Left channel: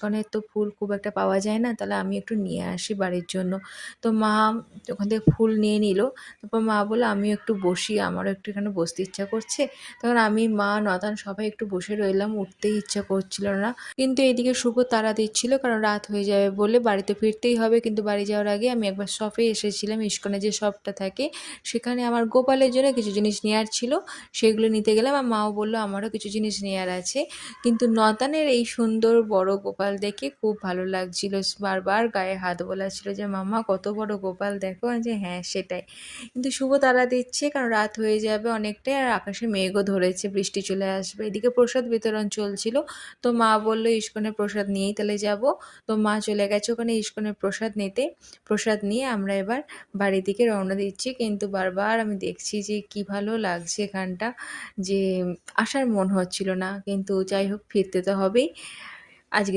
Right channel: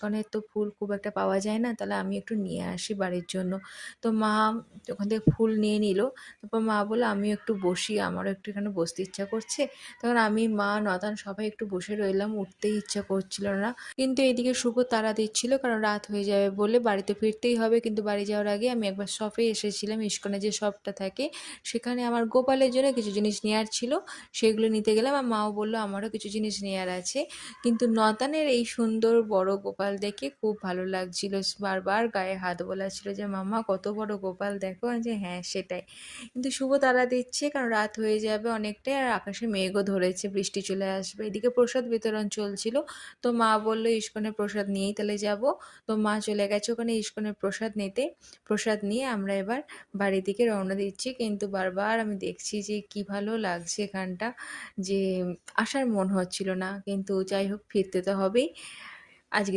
ইস্কনের তো ফুল খুব একটা পাওয়া যায় না, তাহলে আমি একটু নিয়ে আসি বাড়ির জন্য। তো মা ওখান থেকে ফুল নিয়ে নিল। তারপর মা বলল, "আমিও একটু বসি, আমারও একটু এখানে বসতে ইচ্ছা করছে।" তখন আমি, মা, নয়তান সবাই একটু বসে রইলাম, উঠতেই ইচ্ছা করছিল না। কিন্তু এদিকে শুভ তাড়া দিচ্ছিল, কারণ রাত হয়ে যাবে বলে বাড়িতে ফিরতেই হবে। কিন্তু বাড়ি যাওয়ার আগে আমি একবার শপে এসেছিলাম, ইস্কনে যে শপটা থাকে সেখানে আমার গোপালের জন্য কিছু জিনিস নেওয়ার ছিল, সেগুলো নিতে গেলাম। আর মাও বলল আমারও কিছু জিনিস নেওয়ার আছে। কিন্তু নতানের এই সুন্দর বড় গোপাল দেখে খুব ভালো লাগছিল, বারবার গায়ে হাত বোলাচ্ছিল যে মাম্মা কত বড় গোপাল দেখো, যে হ্যাঁ সেটাই। কিন্তু শুভ তাড়া দিচ্ছে, কারণ রাত হয়ে যাবে অনেকটাই, আর আকাশে মেঘও ধরেছে, বৃষ্টি চলে আসবে। এদিকে প্রসাদ বিতরণ চলছিল। তো মা বলল ইস্কনের প্রসাদ নিয়েই তাহলে যাব। তো মা চলে গেছে ওখানে ইস্কনের প্রসাদ নিতে। প্রসাদ নিয়ে আমরা এবার বাড়ির দিকে রওনা দিচ্ছি। কিন্তু বারবার আমি দেখছি যে কি ভালো লাগছে এখানটা, যে আসার মন হচ্ছিল না, কিন্তু যাই হোক ফিরতে তো হবেই। আজকে